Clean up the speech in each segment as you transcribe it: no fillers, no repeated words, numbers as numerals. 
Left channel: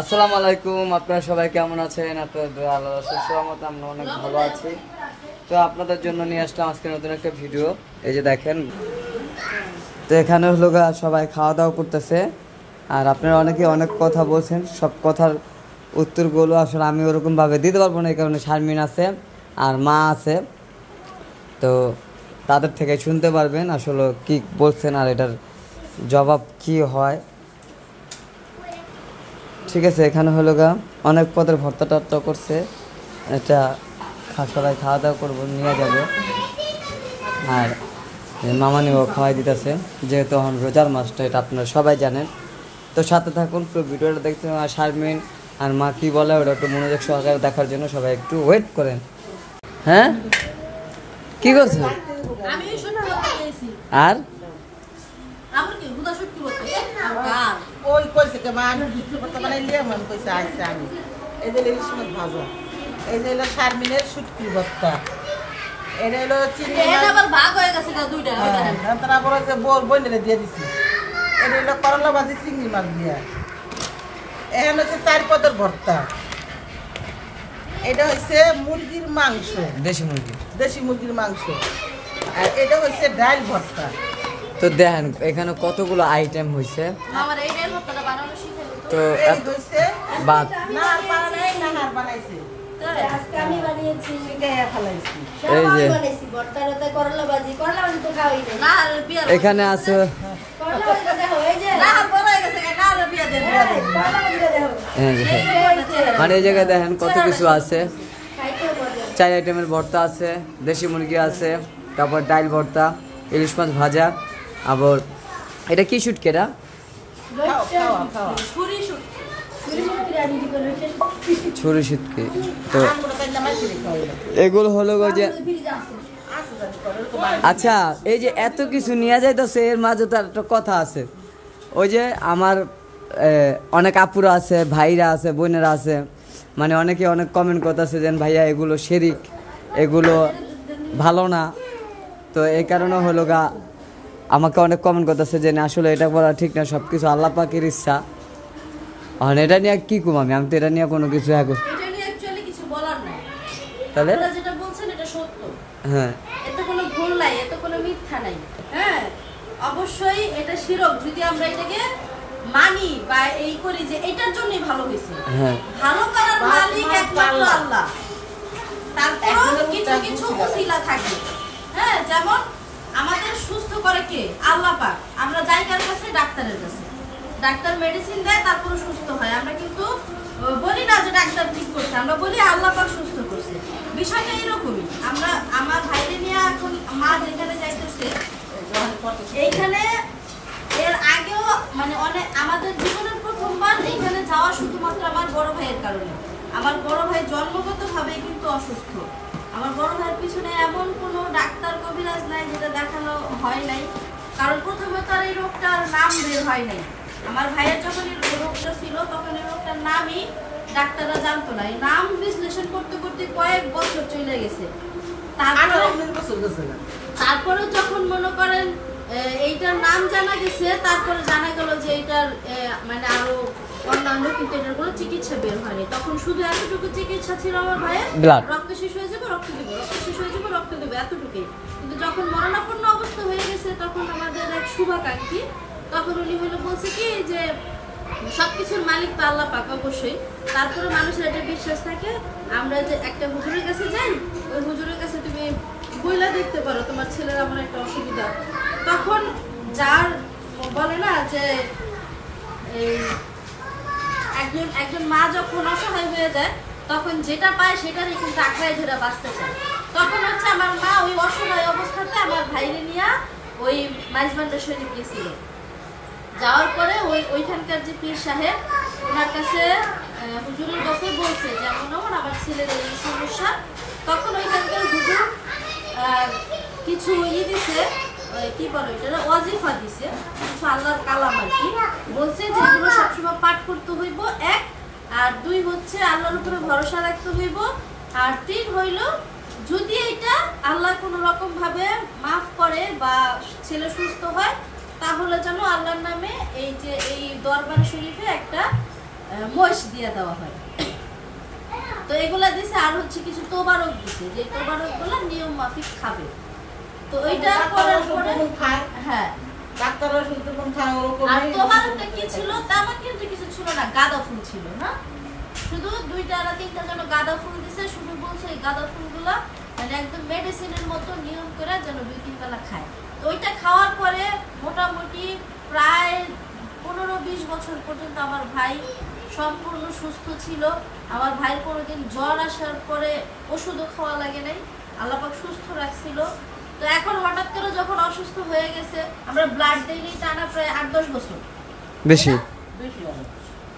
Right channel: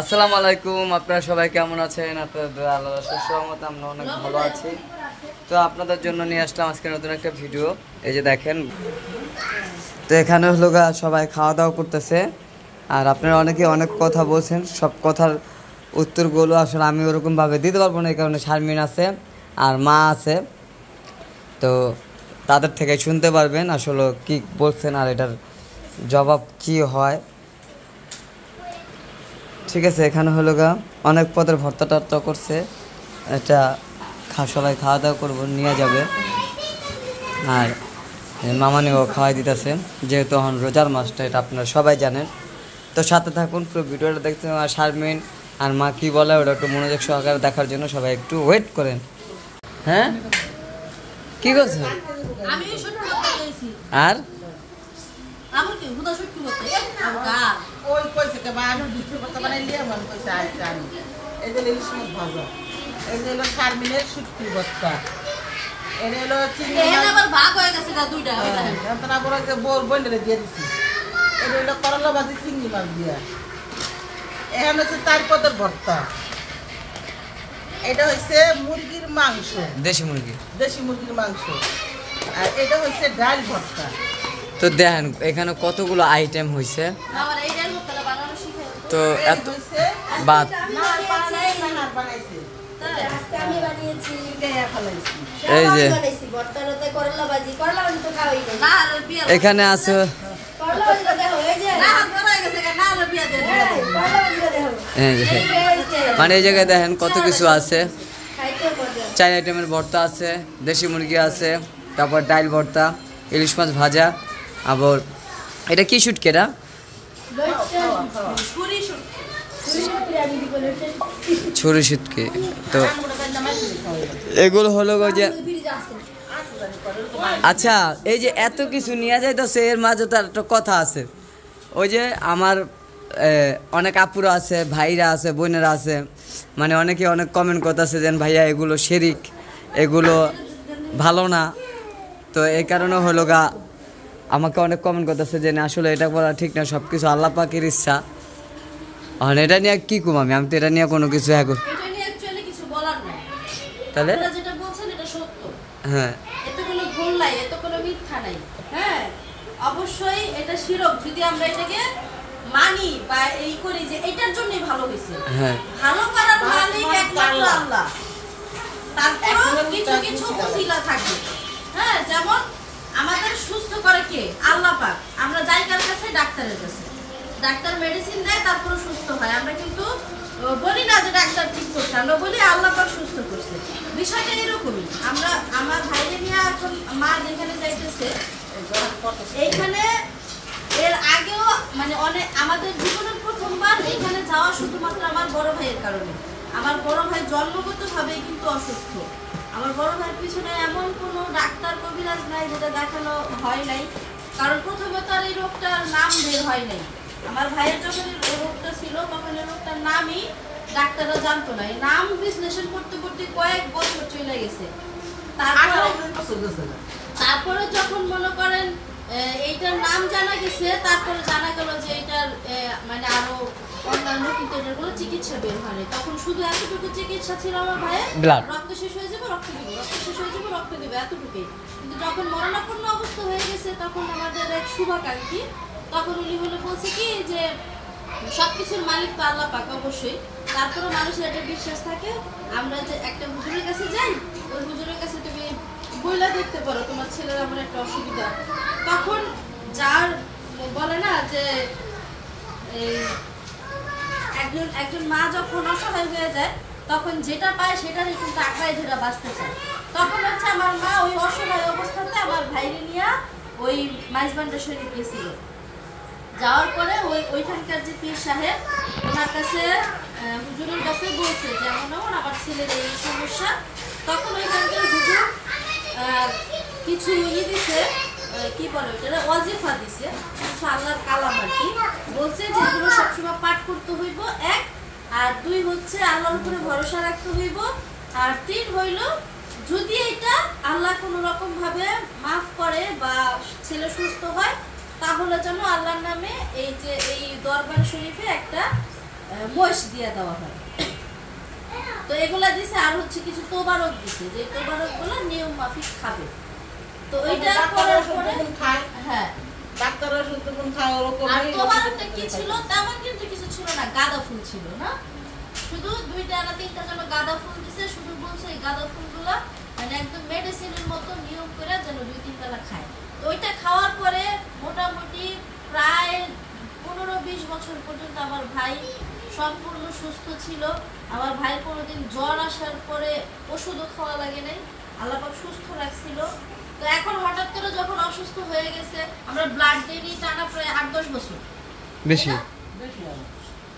আসসালামু আলাইকুম, আপনারা সবাই কেমন আছেন? আপনাদের আল্লাহর রহমত আমরা অনেক ভালো আছি। তো আপনাদের জন্য নিয়ে আসলাম আজকে নতুন একটা ভিডিও। এই যে দেখেন, তো এখানে হলো সবাই খাওয়া দাওয়া করতেছে। আর আপনারা অনেকে অনেক কথা বলছেন, সব কথার উত্তরগুলো আসলে আমি ওরকমভাবে দিতে পারবো না, এই কারণে শারমিন আছে আর মা আছে, তো তাদের থেকে শুনতে পারবেন আসলে কি বলছেন আর এটার জবাব কি হয়। ঠিক আছে, এখানে হলো অনেক পদের ভর্তা টর্তা করছে, এটা সবাই খাওয়া দাওয়া করবো, নিয়ে যাবে। আর মামানিও খাওয়াই দিতেছে, যেহেতু এখন রোজার মাসটা, এটা আপনারা সবাই জানেন। তো সাথে থাকুন, পুরো ভিডিওটা দেখতে। আর শারমিন আর মা কি বলে ওটা একটু মনোযোগ সহকারে দেখার জন্য সবাই একটু ওয়েট করেন। হ্যাঁ, কি করছো? আর ওই কইছে কে মা আমি ভিডিওটা বানাইলে মন কইছে আইছে আমি এই যে ইলিশ মাছ ভাজা, এই যে হলো শারমিনের শুটকি ভর্তা, এটা হলো চিংড়ি মাছ, এটা আবার ভাগ হয়ে গেছে না দুইটা, হ্যাঁ তারপর যে বইলে দিয়ে দিছি, এটা হলো করলা ভাজি চিংড়ি মাছ দিয়া, এখানে হচ্ছে 4 পদের ভর্তা, এটা হচ্ছে মুরগির মাংস, দেশি মুরগির মাংস, আর এটা হচ্ছে ডাল ভর্তা। তো দেখেন এখানে কতগুলো আইটেম হয়েছে, তো এত ভাত এই যে এখানে আছে, মানে এই জায়গায় দেখেন কত কিছু আছে। 4 আইটেমের ভর্তা আছে, দেশি মুরগি আছে, তারপর ডাল ভর্তা, ইলিশ মাছ ভাজা, আবার এটা কি শুটকি? এটা ছুরি শুটকি। তো এগুলো হলো যে, আচ্ছা এই যে এত কিছু নিয়ে যাইতেছে, এর মাঝে তার একটা কথা আছে। ওই যে আমার অনেক আপুরা আছে, ভাইরা আছে, বোনেরা আছে, মানে অনেকে অনেক কমেন্ট করতেছে যে ভাইয়া এগুলো শিরিক, এগুলো ভালো না। তো এই কারণে হলো আমাকে অনেক কমেন্ট করতেছে যে আসলে এটা বলা ঠিক না, সব কিছু আল্লাহ পাকের ইচ্ছা। আর এটা নিয়ে কি কম, আমি তো এটা নিয়ে কোনো কিছু তাহলে হ্যাঁ, এতে কোনো ভুল নাই, এতে কোনো মিথ্যা নাই। হ্যাঁ, অবশ্যই এটা শিরক, যদি আমরা এটাকে মানি বা এই করি যে এটার জন্যই ভালো হয়েছে। হ্যাঁ, ভালো করার মালিক একমাত্র আল্লাহ। তারপর কিছু কিছু উসিলা থাকে। হ্যাঁ, যেমন আমাদের সুস্থ করে কে? আল্লাহ পাক। আমরা যাই কার কাছে? ডাক্তারের কাছে। ডাক্তার মেডিসিন দেয়, তারপরে সুস্থ হয়। আমরা কিন্তু বলি না যে ডাক্তার ঠিক করছে, আমরা বলি আল্লাহ পাক সুস্থ করছে। বিষয়টা এরকমই। আমরা আমার ভাইরে নিয়ে এখন মা যেখানে যাইতেছে, এইখানে এর আগেও মানে অনেক আমাদের জীবনের প্রথমবার এইখানে যাওয়া শুধুমাত্র আমার বড় ভাইয়ের কারণে। আমার বড় ভাই জন্মগতভাবেই কিন্তু অসুস্থ। আমার বড় ভাইয়ের পিছনে এমন কোনো ডাক্তার কবিরাজ নাই যেটা দেখানো হয় নাই, কারণ প্রথমত আর এই রোগটার নাম বের হয় নাই। আমার ভাইয়ের যখন এই রোগটা ছিল তখন এই রোগটার নামই ডাক্তাররা জানতো না। এই নাম বিশ্লেষণ করতে করতে কয়েক বছর চলে গেছে। তারপরে যখন মনে করেন এইটার নাম জানা গেছে, তারপরে জানা গেল যে এইটার মানে আরো অন্যান্য কিন্তু এটার কোনো চিকিৎসা বের হয়নি। তখন শুধু এতটুকু চিকিৎসা ছিল আমার ভাইয়ের, রক্ত শেষ হয়ে যাবে রক্ত দিব, রক্ত শেষ হয়ে যাবে রক্ত দেবে, এতটুকুই। কিন্তু যখন মরণাপন্ন অবস্থা হয়ে গেছে, তখন আমাদের এক শুভাকাঙ্ক্ষী, তখন উনি হলো বলছে কি যে সবকিছুর মালিক তো আল্লাহ পাক অবশ্যই। তারপরে মানুষের একটা বিশ্বাস থাকে, আমরা যে একটা হুজুরের কাছে যাই, ওই হুজুরের কাছে তুমি বইলা দেখতে পারো তোমার ছেলের এমন একটা অসুবিধা। তখন যার বলে না যে এই একজন মা যখন অসহায় হয়ে যায়, তখন যেটা পায় সেটারই কিন্তু আঁকড়ায় ধরে বাঁচতে চায়। তখন হচ্ছে আমার মা ওই অসহায় অবস্থাতে আমার ভাইরে নিয়ে ওই মাইজবান্ডার শরীরে গিয়েছিল। যাওয়ার পরে ওইখানকার যে পীর সাহেব ওনার কাছে হুজুরের কাছে বলছে যে এমন আমার ছেলের এই সমস্যা। তখন ওইখানকার হুজুর কিছু দিছে, কি বলে ওইটা, ওয়াজিফা দিছে, কিছু আল্লাহর কালাম আর কি। বলছে যে এগুলো সবসময় পাঠ করতে হইব, 1, আর 2 হচ্ছে আল্লাহর উপরে ভরসা রাখতে হইব, আর 3 হইল যদি এটা আল্লাহ কোনো রকম ভাবে মাফ করে বা ছেলে সুস্থ হয়, তাহলে যেন আল্লাহর নামে এই যে এই দরবার শরীফে একটা মহিষ দিয়ে দেওয়া হয়। তো এগুলা দিছে, আর হচ্ছে কিছু তোবারক দিছে, যে তোবারক গুলো নিয়ম মাফিক খাবে। তো ওইটা করার পরে হ্যাঁ ডাক্তাররা শুনতে কোন খায় ওরকম। আর তোবারকটা কি ছিল তেমন কিন্তু কিছু ছিল না, গাঁদা ফুল ছিল না, শুধু 2টা না 3টা যেন গাঁদা ফুল দিছে, শুধু বলছে এই গাঁদা ফুলগুলা মানে একদম মেডিসিনের মতো নিয়ম করে যেন 2-3 বেলা খায়। তো ওইটা খাওয়ার পরে মোটামুটি প্রায় 15-20 বছর পর্যন্ত আমার ভাই সম্পূর্ণ সুস্থ ছিল। আমার ভাইয়ের কোনোদিন জ্বর আসার পরে ওষুধও খাওয়া লাগে নাই, আল্লাহ পাক সুস্থ রাখছিল। তো এখন হঠাৎ করে যখন অসুস্থ হয়ে গেছে, আমরা ব্লাড দেইনি টানা প্রায় 8-10 বছর, বেশি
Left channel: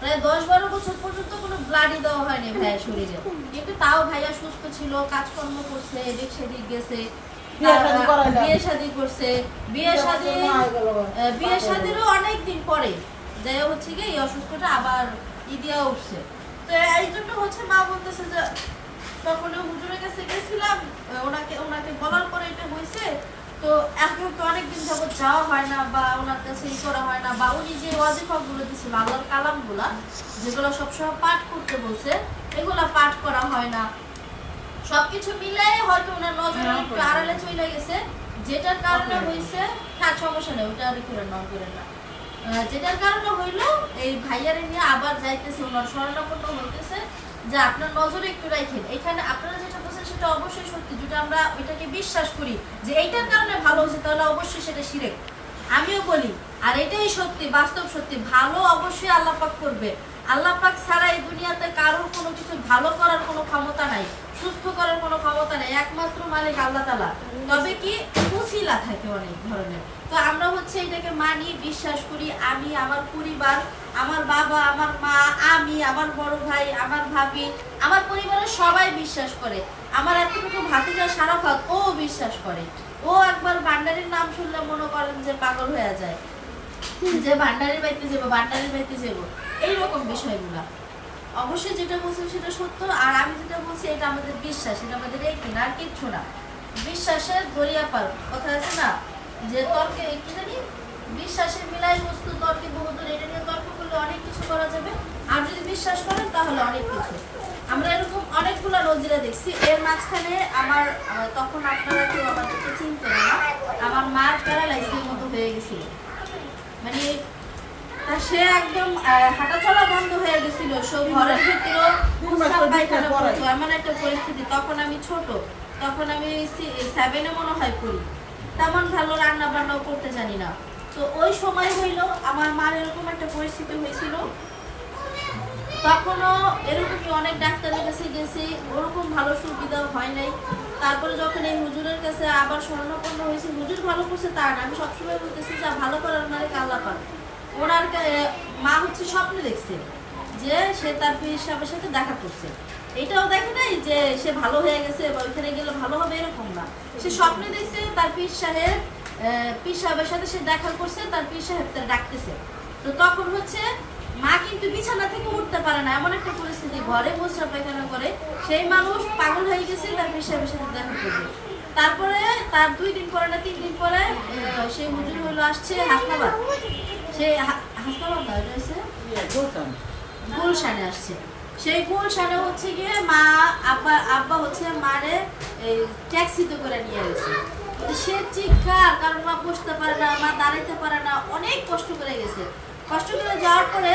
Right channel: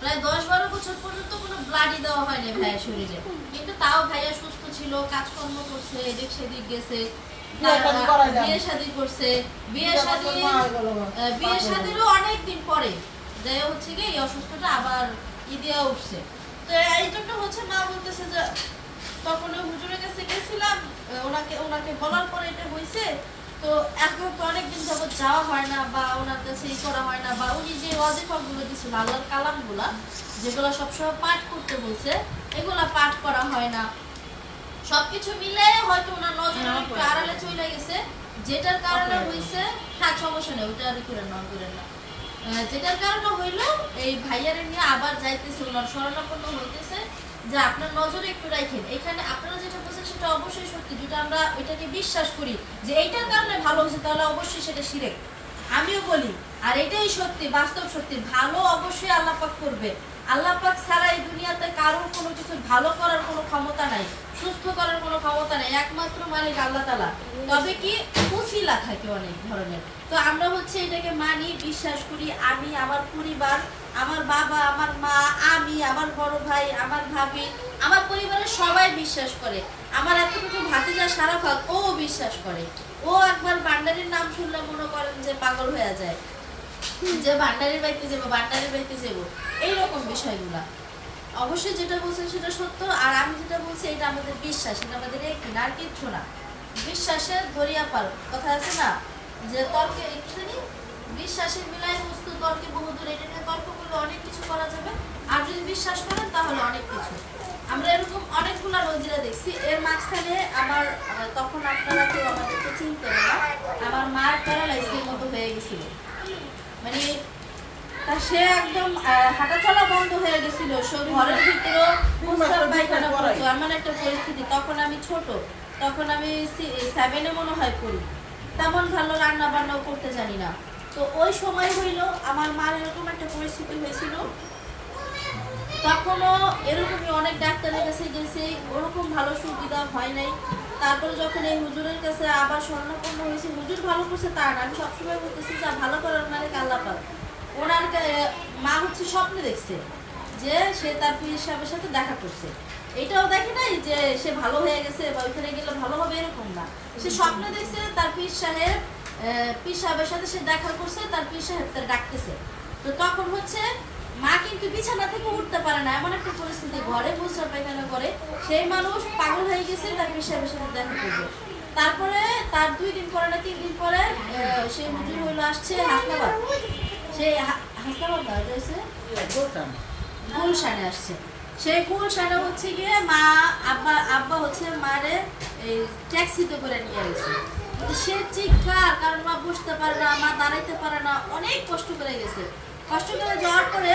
প্রায় 10-12 বছর পর্যন্ত কোনো ব্লাডই দেওয়া হয়নি ভাইয়ের শরীরে। কিন্তু তাও ভাইয়া সুস্থ ছিল, কাজকর্ম করছে, এদিক সেদিক গেছে, বিয়ে শাদী করছে। বিয়ে শাদীরও অনেক দিন পরে যাই হচ্ছে কি এই অসুস্থটা আবার দিয়া উঠছে। তো এই জন্য হচ্ছে মা বলতেছে যে তখন হুজুরের কাছে গেছিলাম, ওনাকে বলার পরে এটা হয়েছে। তো এখন তো অনেকদিন যাবত যাওয়া হয় না বা ওনার কাছে ই করা হয় না, বা উনি যে ওয়াজিফাগুলো দিছিল আল্লাহর কালামগুলা যেগুলো সবসময় পাঠ করতে বলছে এগুলা পাঠ করা হয় না। সবকিছু মিলে হয়তো ওনার নজরে একটু আড়ালে চলে গেছে, যেটার কারণে হয়েছে থাক সমস্যা নেই, ওটা আর করে না। যেটার কারণে হইলো এই ভাইয়ারে নিয়ে আবার যাইতেছে, ওনার শরণাপন্ন হইতেছে যে আপনার নজরে একটু রাখেন। এখানে আপনারা যেটা বলছেন সেটা অবশ্যই সত্যি, যেটা আমরা ওইটাকে বিশ্বাস করি যে এইটার কারণে ভালো হয়েছে, তাহলে অবশ্যই সেটা শিরক, আমিও বলি। আর এটাই সত্যি, বাস্তব সত্যি, ভালো অবশ্যই আল্লাহ পাক করবে। আল্লাহ পাক ছাড়া এই দুনিয়াতে কারোর কোনো কিছু ভালো করার কোনো ক্ষমতা নাই, সুস্থ করার কোনো ক্ষমতা নেই, একমাত্র মালিক আল্লাহ তাআলা। তবে কি উসিলা থাকে অনেক ধরনের। তো আমরা হচ্ছে এটাকে মানি, বিশ্বাস করি। আমি, আমার পরিবার, আমার বাবা, আমার মা, আমি, আমার বড় ভাই, আমার ভাবি, আমার পরিবারের সবাই বিশ্বাস করে। আমার এতটুকু ভাতিজা সারাফাত ও বিশ্বাস করে। ও একবার ভান্ডারির নাম শুনলে মনে করেন যে পাগল হয়ে যায়, যে ভান্ডারির বাড়িতে যাবো এইরকম বিষয়গুলো। অবশ্যই যেটা বলছেন সেটা সত্য, আর আমি যেটা বলছি এটা আমাদের বিশ্বাস, এটা আমাদের একদিন আর কিচ্ছু না। বিশ্বাসের দরিয়া পার কথা আছে না, যে তর্কে কি জানি বিশ্বাসের মিলাই বস্তু তর্কে বহুদূর, এটা নিয়ে তর্ক করলে অনেক কিছু করা যাবে। আর যদি বিশ্বাস করেন তাহলে অনেক কিছু। আমরা এরকম অনেকগুলো নজিরা দেখছি। এর মাঝখানে আমার তখন আপনারা কেউ আমাদেরকে চিনতেন না, আমার মার প্যারালাইসিসের মতো হয়ে গেছিল, মানে সে একদম হাঁটা চলা বন্ধ হয়ে গেছিল, সব ঘরের ভিতরেও পায়খানা করতো, এমন একটা পরিস্থিতি। তখন আমি ছোট, তখন আমি 7-এ মনে হয় পড়ি, তেমন ভালো রান্না বান্নাও করতে জানি না। তো ওই সময় হইলো আমার মার এরকম একটা পরিস্থিতি হয়েছিল। তখনও এরকমই অনেক ডাক্তারের কাছে গেছি, ওরকম ভালো সুবিধা হয় নাই। তারপরে যখন এই হুজুরের কাছে আবার শরণাপন্ন হয়েছি, হুজুর ভালো করছে তার না, আমি সবসময় বলতেছি যা ভালো করার মালিক আল্লাহ পাক। ওনার মা হচ্ছে স্বপ্নে দেখছে যে সে তার পীর সাহেবের সাথে দেখা করছে, এটাও দেখে নাই যে সে ভালো হয়ে গেছে বা ওইখানে গেলে ভালো হবে এরকম না। সে স্বপ্নে দেখছে তার পীর সাহেবের সাথে সে দেখা করছে, তার পীর সাহেব তার ডাকতেছে। তো তখন হচ্ছে মা কিন্তু বিছানা থেকে উঠতে পারে না, এমন একটা পরিস্থিতি, ঘরে বসে পায়খানা করে। সেই মানুষ পাগল হয়ে গেছে তার পীর সাহেবের সাথে দেখা করবে। তারপরে তার 2 দিন পরে না 3 দিন পরে সেই হুজুর হইলো আসছে হাসনাবাদ, সেই হাসনাবাদ না হয়েছে গুলশানে আসছে। সেই গুলশানে হচ্ছে গিয়ে মা আব্বা হচ্ছে মারে এই ট্যাক্সিতে করে নিয়ে গেছে। সে চিৎকার, কারণ মা বসতে পারে না, মা দাঁড়াইতে পারে না, অনেক কষ্ট করে গেছে। কষ্ট করে যাওয়ার পরে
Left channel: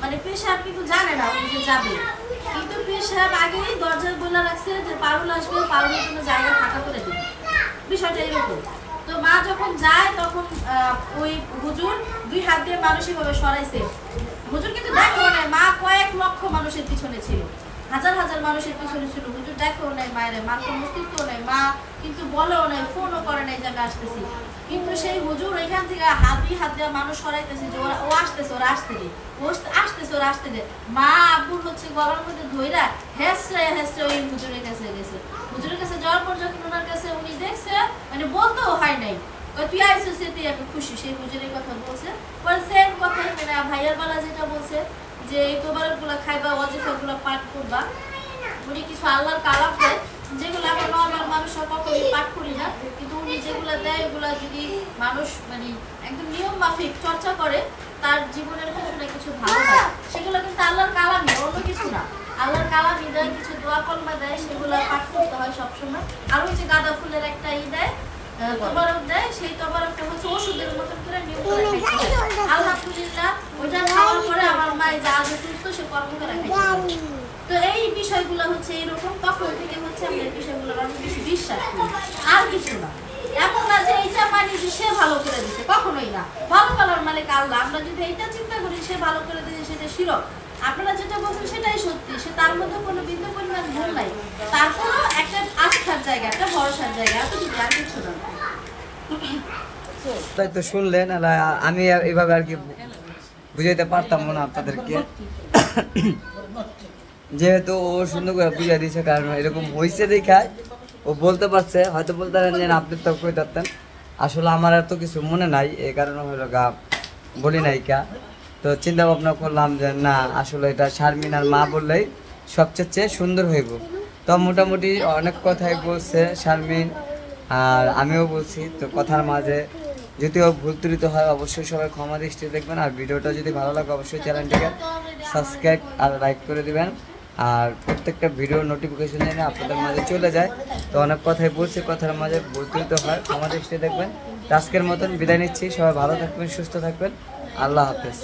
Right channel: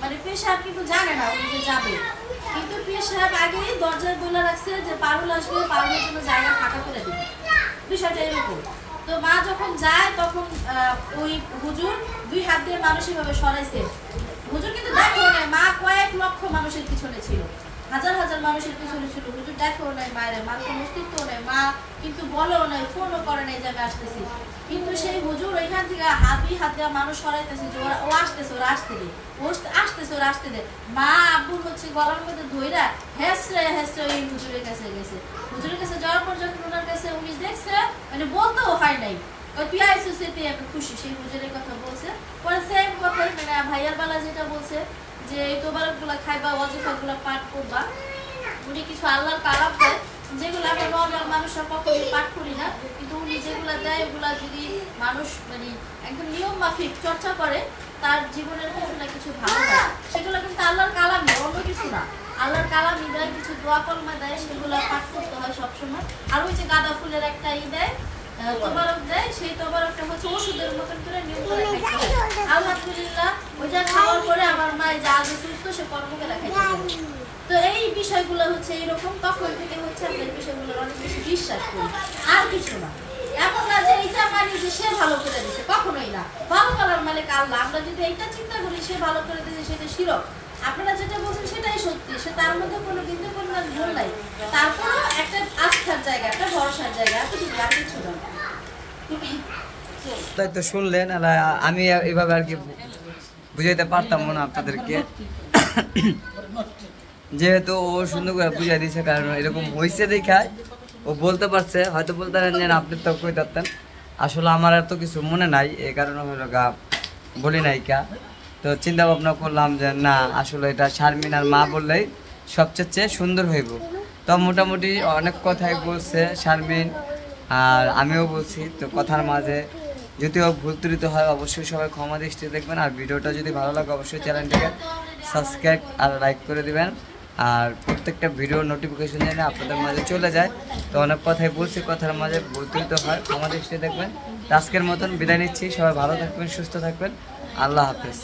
মানে পীর সাহেব কিন্তু জানে না উনি যে যাবে, কিন্তু পীর সাহেব আগেই দরজায় বলে রাখছে যে পারুল আসবে, পারুলের জন্য জায়গা ফাঁকা করে দিবে, বিষয়টা এরকম। তো মা যখন যায় তখন ওই হুজুর 2 হাত দিয়ে মানসিকভাবে সরাইছে। হুজুর কিন্তু দেখো নাই, মা কয়েক লক্ষ মানুষের পিছনে ছিল, হাজার হাজার মানুষের পিছনে ছিল, হুজুর দেখো নাই মায়ের, মার কোনো অস্তিত্ব নাই, মা কিন্তু বলেও নাই, ফোনও করে নাই যে আমি আসতেছি। কিন্তু সেই হুজুর ওইখান থেকে হাত দিয়ে মানুষ সরাইতেছে যে ও আসতেছে, ওরা আসতে দে। মা আব্বুর হচ্ছে গলার মধ্যে ধইরা হেসরে ওই হুজুরের কাছে গেছে। হুজুরের কাছে যাওয়ার পর যখন ওনার কাছে উনি দেখছে, মানে বলতেও হয় নাই, তুই আইসিস তুই একটা খুশি, সেই হুজুরের কথা বলছে। পরে সেম কথাই মানে ভাইয়ার বেলা যেটা বলছে যে এই তোবারকগুলো খাইবা, ওয়াজিফাগুলো পাঠ করবা, উনি কিছু আল্লাহর কালাম দেয় যেগুলো আমরা নর্মাল মানুষরা কখনোই পাঠ করি না, কিন্তু উনি যেগুলো দেয় এগুলো যদি মানুষ মানে একদম নিয়ম মাফিক চর্চা করে তার জীবনের কিছু না কিছু ভালো হয়, সেগুলো কিন্তু আল্লাহর কালামই, অন্য কিছু না। আল্লাহর কালামই দেয়, কিছু দোয়া কলমা দেয়, সেগুলো পাঠ করতে হয় সবসময়। আর ওই যে গাঁদা ফুলের একটা দেয়, তোবারক দেয়, সেই তোবারকটা হচ্ছে ওষুধের মতন করে নিয়ম করে খাইতে হয়। আলহামদুলিল্লাহ ওইটা খাওয়ার পরে আমার মায়ের যা আগে সুস্থ, সে কর্ম করে খাইতে পারে। তো এই বিষয়গুলো হচ্ছে এইরকম, তখন থেকে হচ্ছে আমরা এই বিষয়গুলোর অনেক বেশি বিশ্বাস করি, আর কিছু না। এমন না যে এইটা মানি যে সে ভালো করে দিচ্ছে, কখনোই না। ভালো করার মালিক আল্লাহ, আমরা যদি এইটা চিন্তা করি সে ভালো করে দিচ্ছে, সেটা শিরক। আপনারা যেটা বলছেন সেটাই সত্যি, সে তার মধ্যে কোনো বিন্দু পরিমাণ ভুল নাই, তারপরও একটা আস্থার জায়গা, একটা ভরসার জায়গা, এতটুকু আর কিছু না। তাই তো শুনলেন, আমি এইভাবে আর কি বুঝাইতে পারতাম না আপনাদেরকে, যেহেতু ও সুন্দর করে বুঝাই দিয়েছে। কারণ এরকম হয়েছে দেখায় ও বলতে পারছে, হয়তো বলতে পারেন যে আপনি তো কই পারতেন, আসলে আমার এত কিছু মনে নাই, এই কারণে হলো গা বলি নাই কা। তো চিন্তা ভাবনা করলাম যে না, আসলে এটা শারমিন আর মা বললেই সবচেয়ে সুন্দর হইব। তো মোটামুটি অনেক কথাই বলছে শারমিন, আর আমিও বলছি। তো কথার মাঝে যদিও ভুল ত্রুটি হয়, অবশ্যই সবাই ক্ষমা দৃষ্টিতে দেখবেন। আর ভিডিওটা যদি ভালো লাগে অবশ্যই চ্যানেলটিকে সাবস্ক্রাইব আর লাইক করে দিবেন। আর প্রত্যেকটা ভিডিওর নোটিফিকেশন যেন আপনাদের মাঝে চলে যায়। তো অনেক কথাই বলছি, কথার মাঝে ভুল ত্রুটি হয়, ক্ষমা দৃষ্টিতে দেখবেন। আজকের মতন বিদায় নিচ্ছি, সবাই ভালো থাকবেন, সুস্থ থাকবেন, আল্লাহ হাফেজ।